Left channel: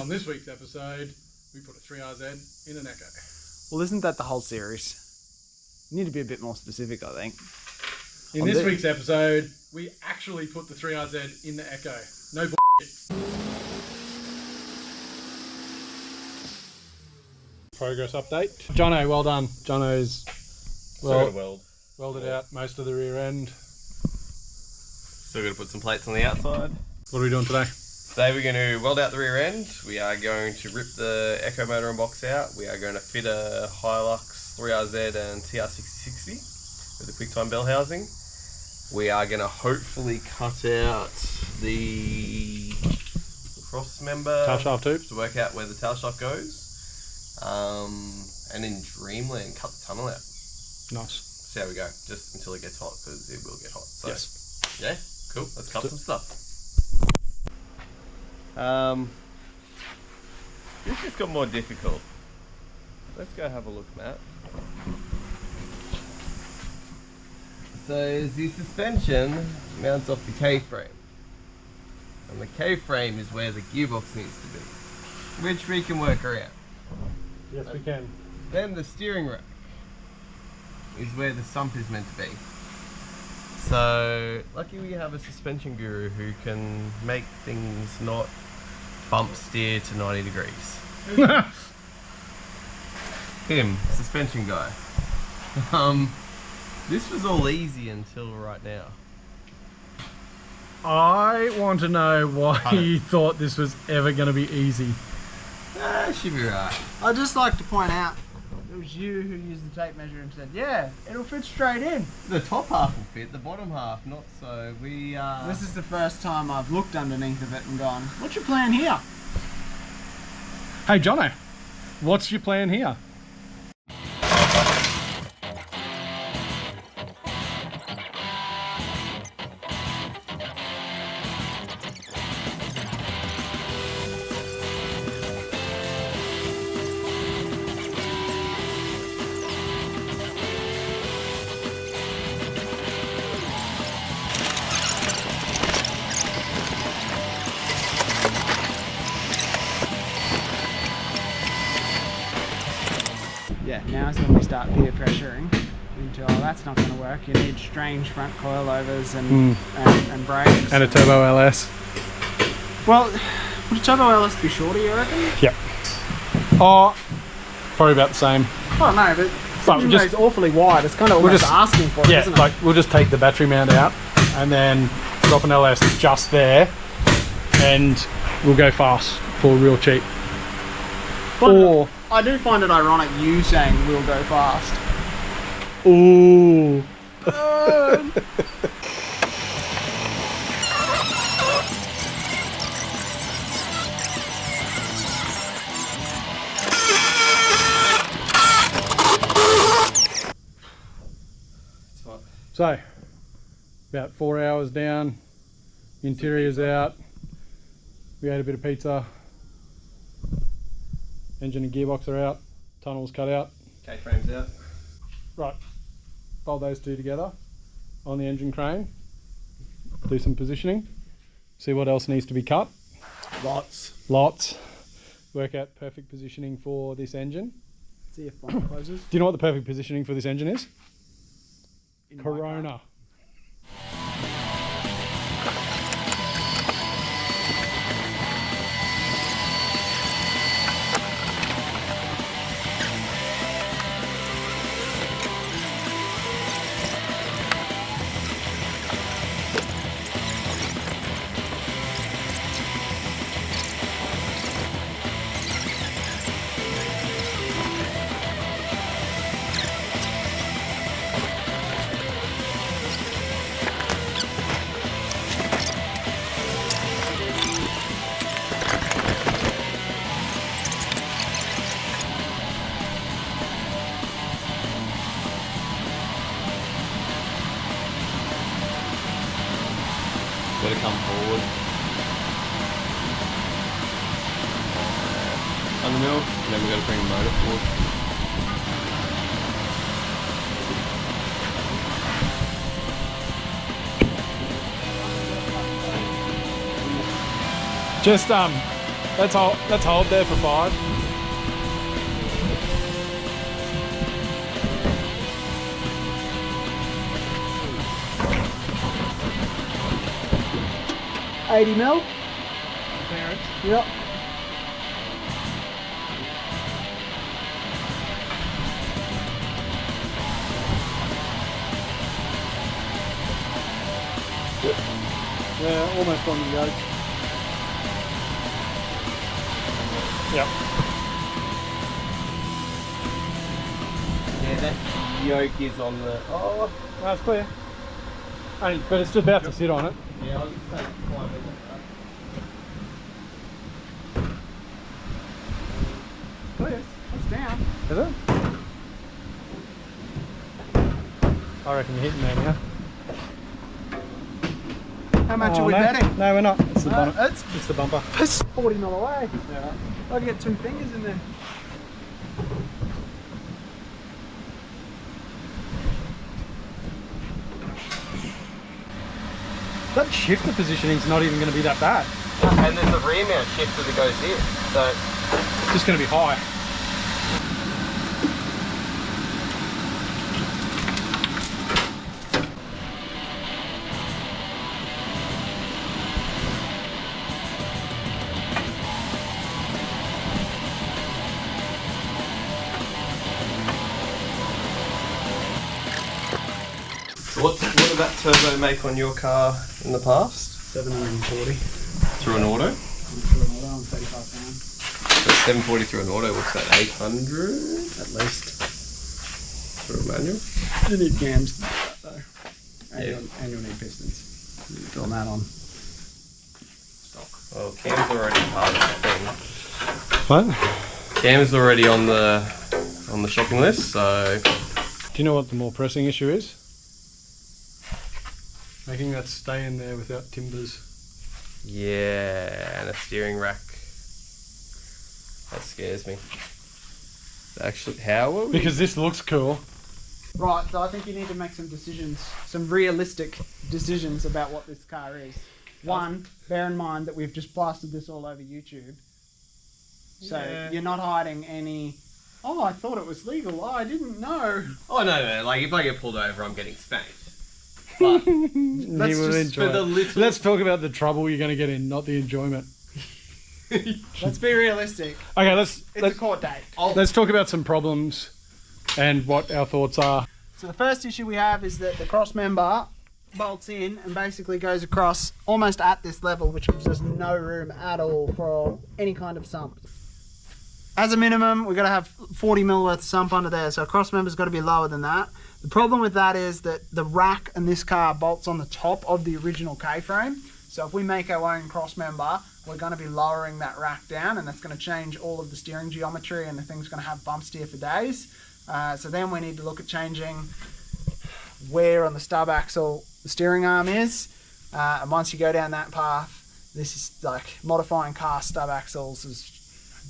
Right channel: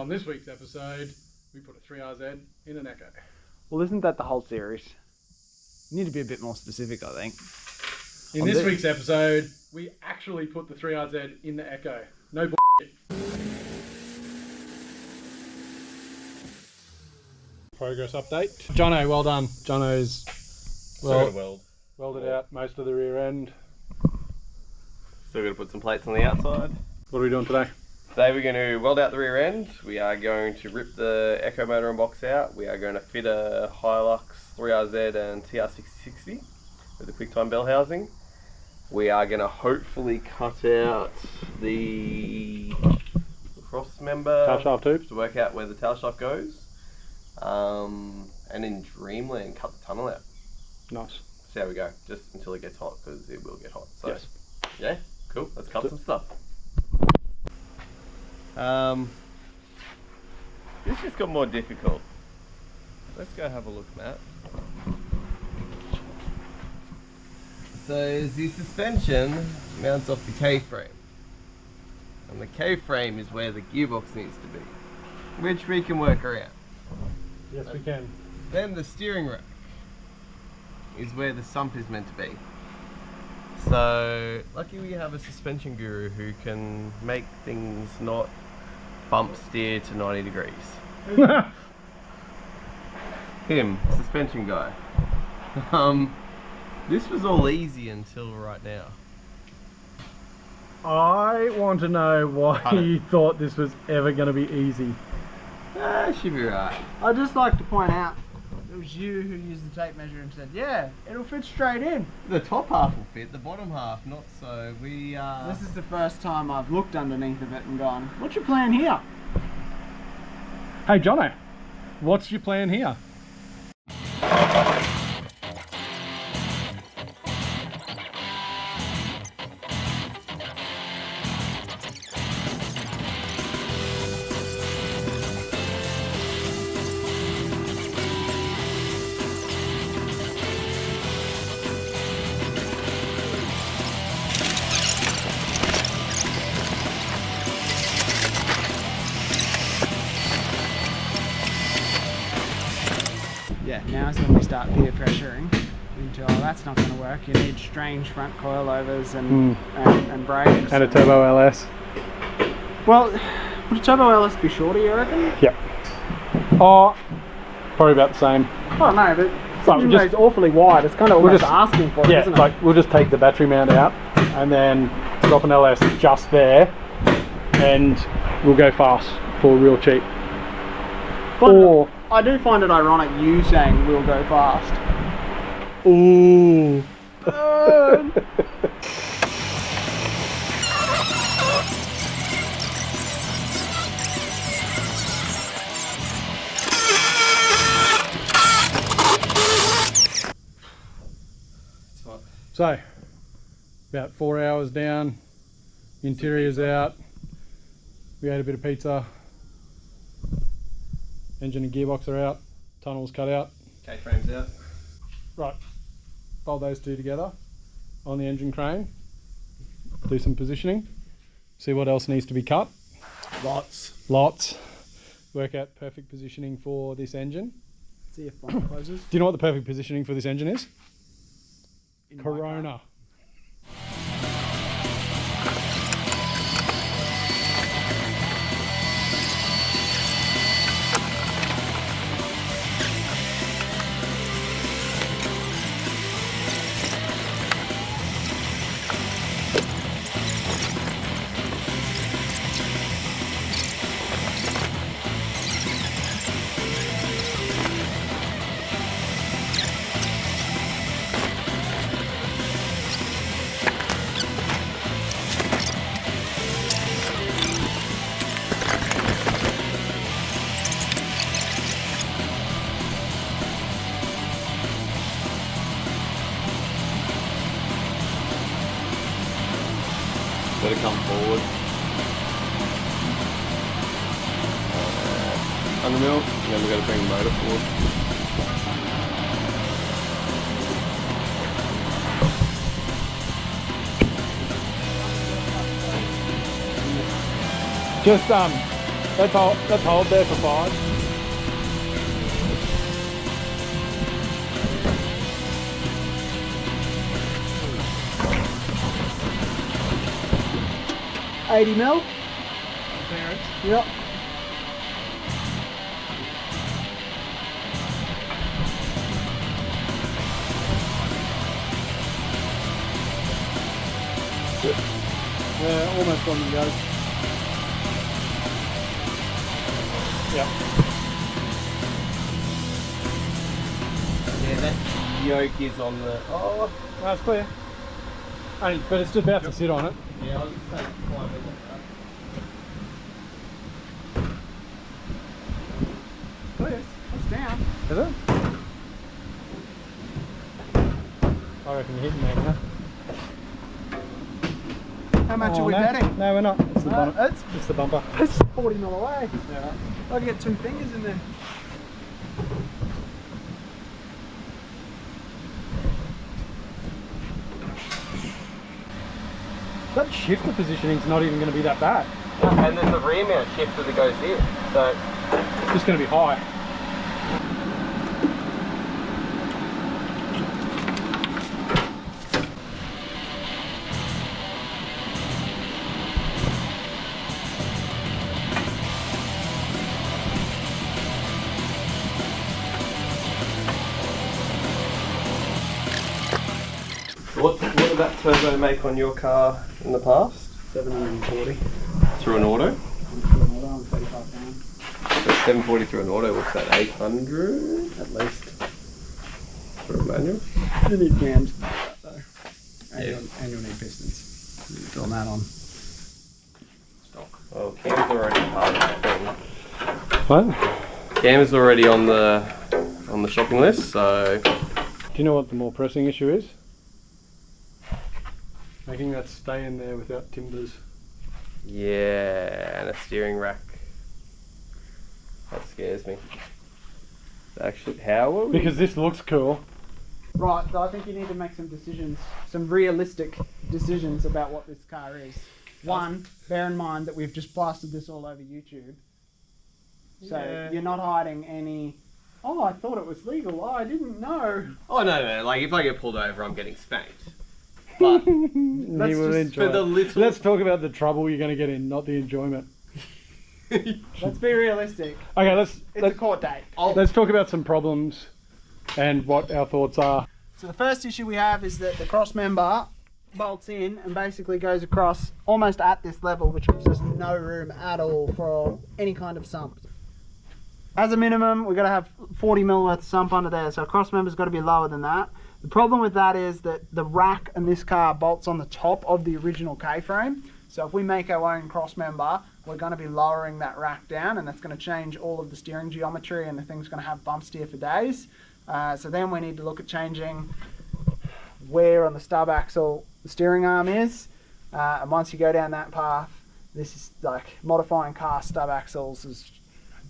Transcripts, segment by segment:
On this week's episode, we put a 3RZ in an Echo. Well, isn't that the whole series? You need to be a bit more specific, I think. In this week's episode, we actually put the 3RZ in the Echo. No bullshit. Progress update. Jono, well done. Jono's welded out most of the rear end. Still got to put some plates on the outside. What are we doing today? Today we're going to weld out the rear end. We are going to rip the Echo motor and box out. We are going to fit a Hilux 3RZ and TR6060 with a QuickTime bell housing. We are going to hopefully cut out the cross member Tail shaft tubes to work out where the tail shaft goes. And in Dreamland, cut the tunnel out. Nice. See how we go, just until it gets hot, because it will get hot. So, yes. Yeah, cool. Let's cut some stuff. This just got more difficult. Let's go have a look, Matt. So the suspension mounts off the K-frame. And the K-frame is where the gearbox needs to be, which we can work around. Yes, we can. Then the steering rack is where the sump is meant to be. So, lucky we have a suspension guru who can make things not bump steer to 90 degrees. Him, suspension guy. This was all easy until right now. I want to know why you thought this was ever going to be easy. Should be right. I'd just like to point out, it was you who used the tape measure and said, yeah, it'll fit straight in. The top half will fit, the bottom half not so. This is the first time I've looked underneath of it and gone, what's your plan here? Hey, Jono, what's your plan here? Yeah, now's when we start peer pressuring into, oh, that's not going to work. You need strange front coilovers and brakes. And a turbo LS. Well, would a turbo LS be shorter, you reckon? Yep. Oh, probably about the same. Oh no, but But it's awfully wide. It's kind of almost asking for it, yeah, isn't it? like we'll just take the battery mount out and then drop an LS just there, and we'll go fast for real cheap. Or I do find it ironic you saying we'll go fast. ooh. So, about 4 hours down, interior's out, we ate a bit of pizza, engine and gearbox are out, tunnel's cut out. K-frame's out. Right, fold those two together on the engine crane, do some positioning, see what else needs to be cut. Lots. Work out perfect positioning for this engine. See if bump closes. Do you know what the perfect positioning for this engine is? Corona. Got to come forward. On the middle, and then we've got to bring the motor forward. Just Let's hold there for 5. $80 mil. Yep. Yeah, almost on the yoke. Yep. Yeah, that yoke is on the... Oh, That's clear. Only, but it's about to sit on it. yeah, I'll just take 5 minutes. Clear. It's down. Is it? I reckon you're hitting there now. How much are we no. betting? No, we're not. It's the bumper. It's the bumper. It's 40 mil away. Yeah. I can get 2 fingers in there. That shifter positioning's not even going to be that bad. And there's a rear mount shifter that goes here. So It's just going to be high. what did that turbo make on your car in the past? 740. Through an auto? I'm 35 pounds. So 740 through an auto, what's that, 800? At least. Through a manual? You need cams to do that though. And, Yeah. you'll need pistons. You're doing that on stock. Well, cam's already part of the thing. What? Cam's already on the shopping list, so Do you know what the more pressing issue is? Making that stay in there without timbers. yeah, and a steering rack. That scares me. Actually, how will we? Because this looks cool. Right, so I think you need to make some decisions, some realistic decisions about what this car is. One, bear in mind that we've just plastered this all over YouTube. So Yeah. you're not hiding any, oh, I thought it was legal, oh, I didn't know. Oh no, like if I get pulled over, I'm getting spanked. But Let's just for the little. Let's talk about the trouble you're going to get in, not the enjoyment. Let's be realistic. Okay, It's a court date. let's talk about some problems and what our thoughts are. So the first issue we have is that the cross member bolts in and basically goes across almost at this level, which gives us no room at all for any kind of sump. As a minimum, we've got to have 40 mil worth of sump under there, so a cross member's got to be lower than that. The problem with that is that the rack in this car bolts on the top of the original K-frame. So if we make our own cross member, we're going to be lowering that rack down, and that's going to change all of the steering geometry, and the thing's going to have bump steer for days. So then we need to look at changing where on the stub axle the steering arm is. And once you go down that path, this is like modifying car stub axles is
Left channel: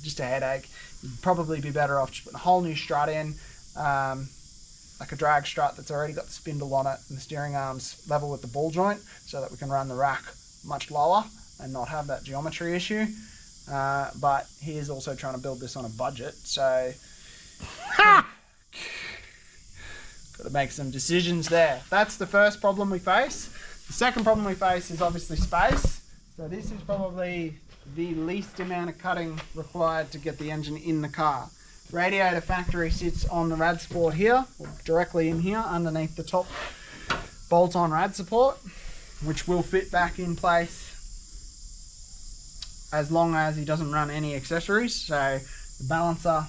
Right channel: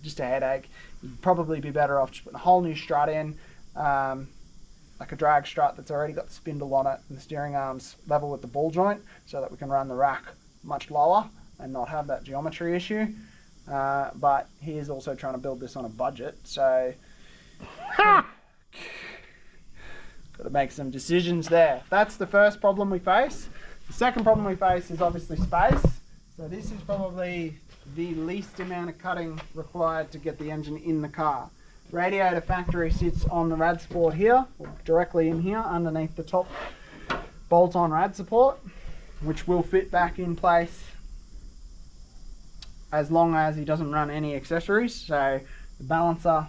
just a headache. You'd probably be better off just putting a whole new strut in. Like a drag strut that's already got the spindle on it and the steering arm's level with the ball joint, so that we can run the rack much lower and not have that geometry issue. But he is also trying to build this on a budget, so got to make some decisions there. That's the first problem we face. The second problem we face is obviously space. So this is probably the least amount of cutting required to get the engine in the car. Radiator factory sits on the rad support here, or directly in here underneath the top bolt-on rad support, which will fit back in place as long as he doesn't run any accessories. So the balancer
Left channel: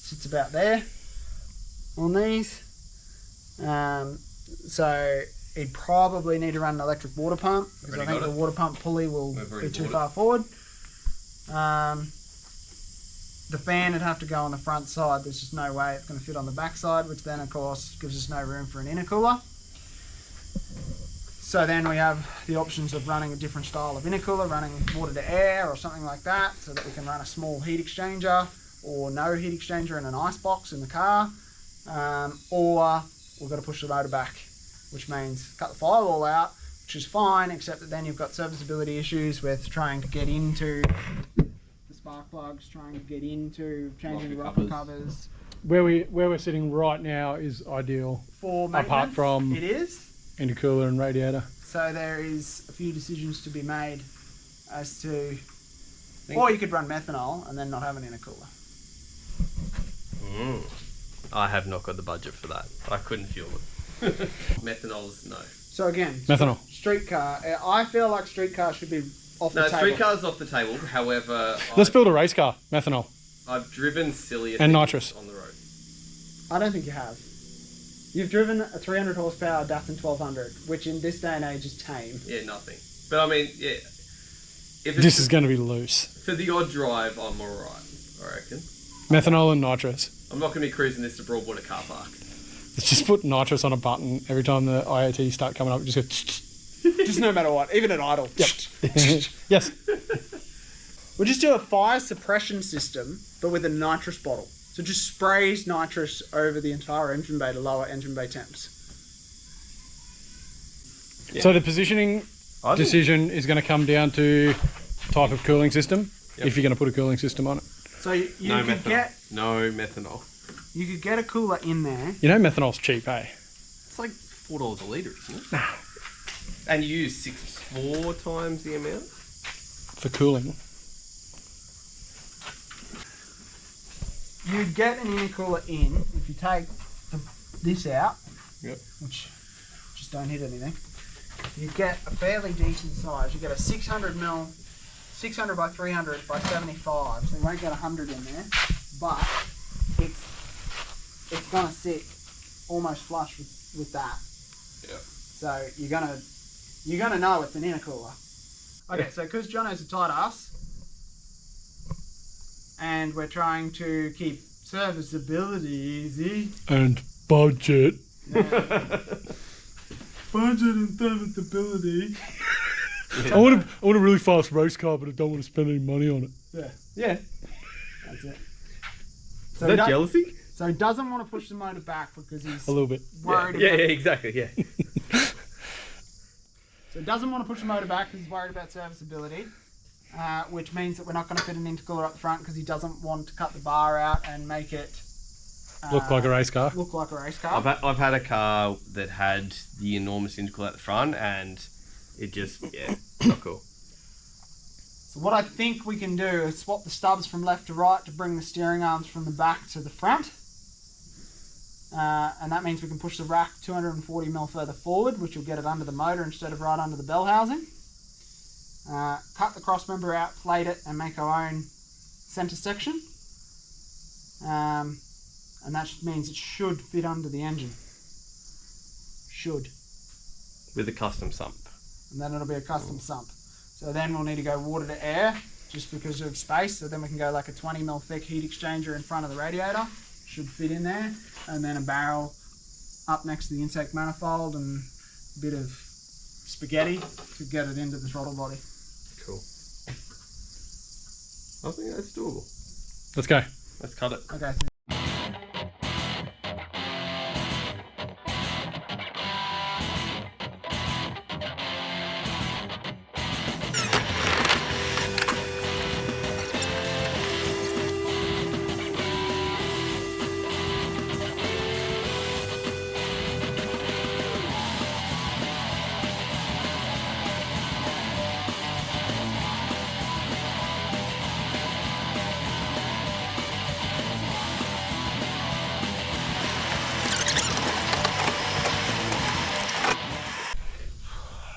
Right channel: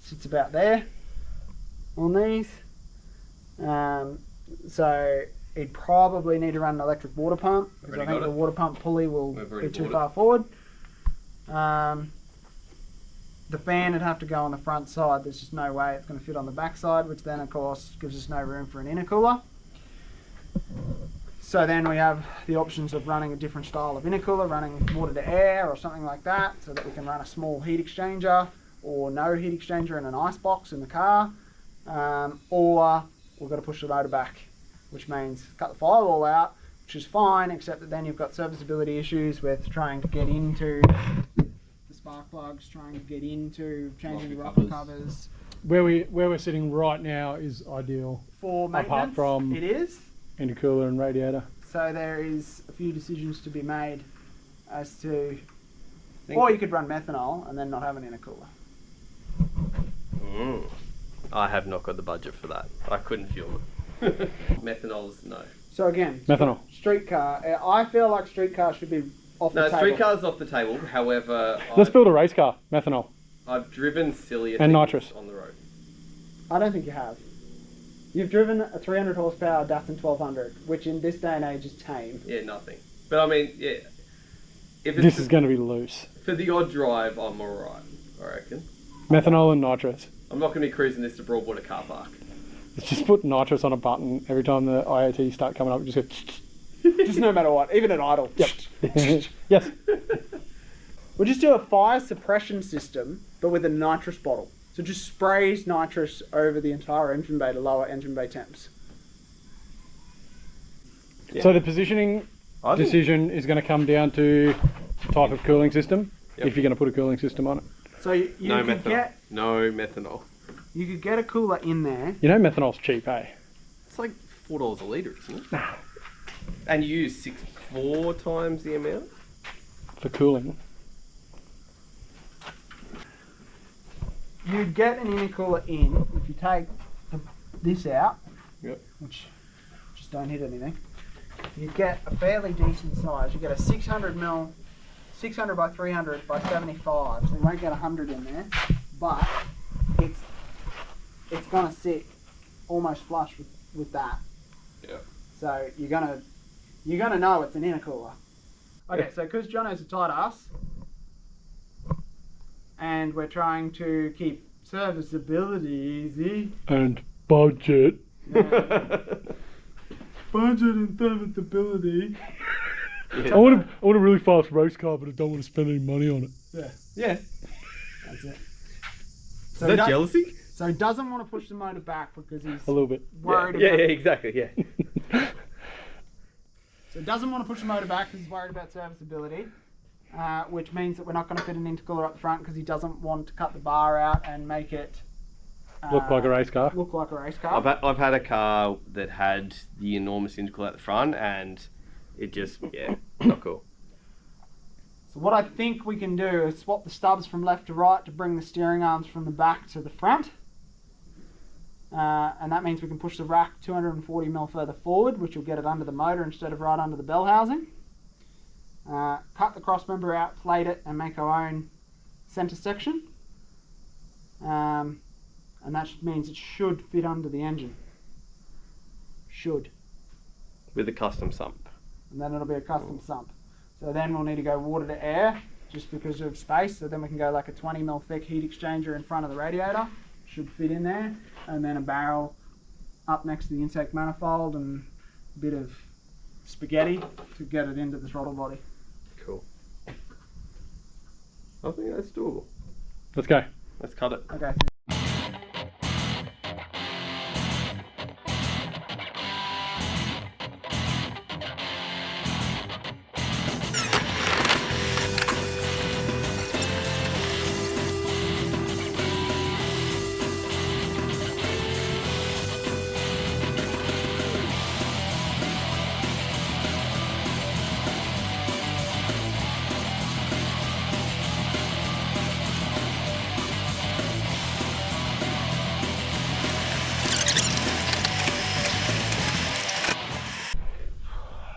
sits about there on these. So he'd probably need to run an electric water pump, because I think the water pump pulley will be too far forward. The fan would have to go on the front side. There's just no way it's going to fit on the back side, which then of course gives us no room for an intercooler. So then we have the options of running a different style of intercooler, running water to air or something like that, so that we can run a small heat exchanger or no heat exchanger in an ice box in the car. Or we've got to push the motor back, which means cut the firewall out, which is fine, except that then you've got serviceability issues with trying to get into the spark plugs, trying to get into changing the Rocker rocker covers. Where we're sitting right now is ideal. For maintenance, apart from it is. intercooler and radiator. So there is a few decisions to be made as to, or you could run methanol and then not have an intercooler. I have not got the budget for that. I couldn't fuel it. Methanol's no. So again, Methanol. Streetcar. I feel like streetcar should be off the No, table. streetcar's off the table. However, Let's build a race car. Methanol. I've driven sillier And things nitrous. on the road. I don't think you have. You've driven a 300 horsepower Datsun 1200, which in this day and age is tame. Yeah, nothing. But I mean, yeah. If it's This is going to be loose. for the odd drive, I'm alright, I reckon. Methanol and nitrous. I'm not going to be cruising this to Broadwater car park. Let's just put nitrous on a button every time the IoT start coming up. Just go. Just no matter what, even at idle. Yep. Yes. We'll just do a fire suppression system, but with a nitrous bottle. So it just sprays nitrous over the entire engine bay to lower engine bay temps. Yeah. So the positioning I think- decision is going to come down to type of cooling system. Yep. If you're going to put a cooling system on it. So you No could methanol. No methanol. you could get a cooler in there. You know methanol's cheap, eh? It's like $4 a litre, isn't it? And you use 4 times the amount? For cooling. You'd get an intercooler in if you take this out, Yep. which just don't hit anything. You get a fairly decent size. You get a 600 by 300 by 75. So you won't get 100 in there, but it's gonna sit almost flush with that. Yeah. So you're gonna know it's an intercooler. Okay, so because Jono's a tight ass, and we're trying to keep serviceability easy. And budget. Budget and serviceability. I want a really fast race car, but I don't want to spend any money on it. Yeah, Yeah. that's it. Is that jealousy? So he doesn't want to push the motor back because he's A little bit. worried Yeah, about. exactly, yeah. So he doesn't want to push the motor back because he's worried about serviceability, which means that we're not going to fit an intercooler up the front because he doesn't want to cut the bar out and make it Look like a race car. look like a race car. I've had a car that had the enormous intercooler at the front and it just, yeah, not cool. So what I think we can do is swap the stubs from left to right to bring the steering arms from the back to the front. And that means we can push the rack 240mm further forward, which will get it under the motor instead of right under the bell housing. Cut the cross member out, plate it, and make our own centre section. And that means it should fit under the engine. Should. With a custom sump. And then it'll be a custom sump. So then we'll need to go water to air just because of space. So then we can go like a 20mm thick heat exchanger in front of the radiator. Should fit in there. And then a barrel up next to the intake manifold and a bit of spaghetti to get it into the throttle body. Cool. I think that's doable. Let's go. Let's cut it. Okay.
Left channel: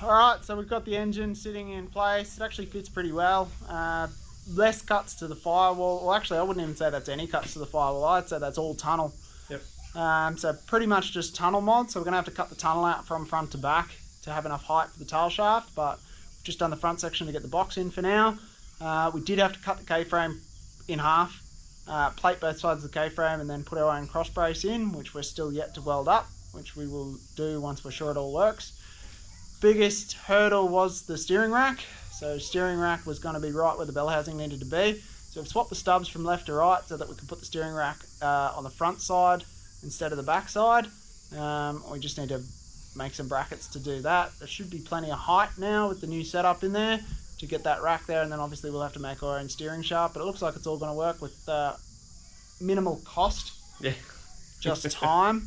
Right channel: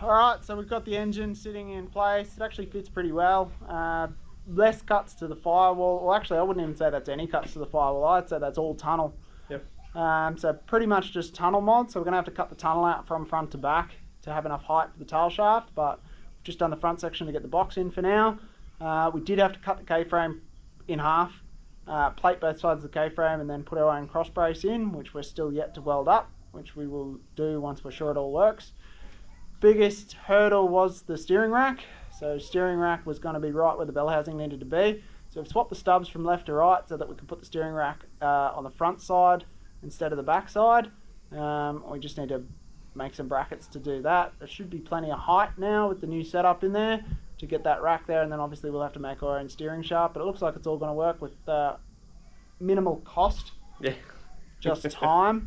Alright, so we've got the engine sitting in place. It actually fits pretty well. Less cuts to the firewall. Well, actually, I wouldn't even say that's any cuts to the firewall. I'd say that's all tunnel. Yep. So pretty much just tunnel mod. So we're going to have to cut the tunnel out from front to back to have enough height for the tail shaft. But we've just done the front section to get the box in for now. We did have to cut the K-frame in half, plate both sides of the K-frame, and then put our own cross brace in, which we're still yet to weld up, which we will do once we're sure it all works. Biggest hurdle was the steering rack. So steering rack was going to be right where the bell housing needed to be. So we've swapped the stubs from left to right so that we can put the steering rack on the front side instead of the back side. We just need to make some brackets to do that. There should be plenty of height now with the new setup in there. to get that rack there, and then obviously we'll have to make our own steering shaft. But it looks like it's all going to work with minimal cost, Yeah. just time.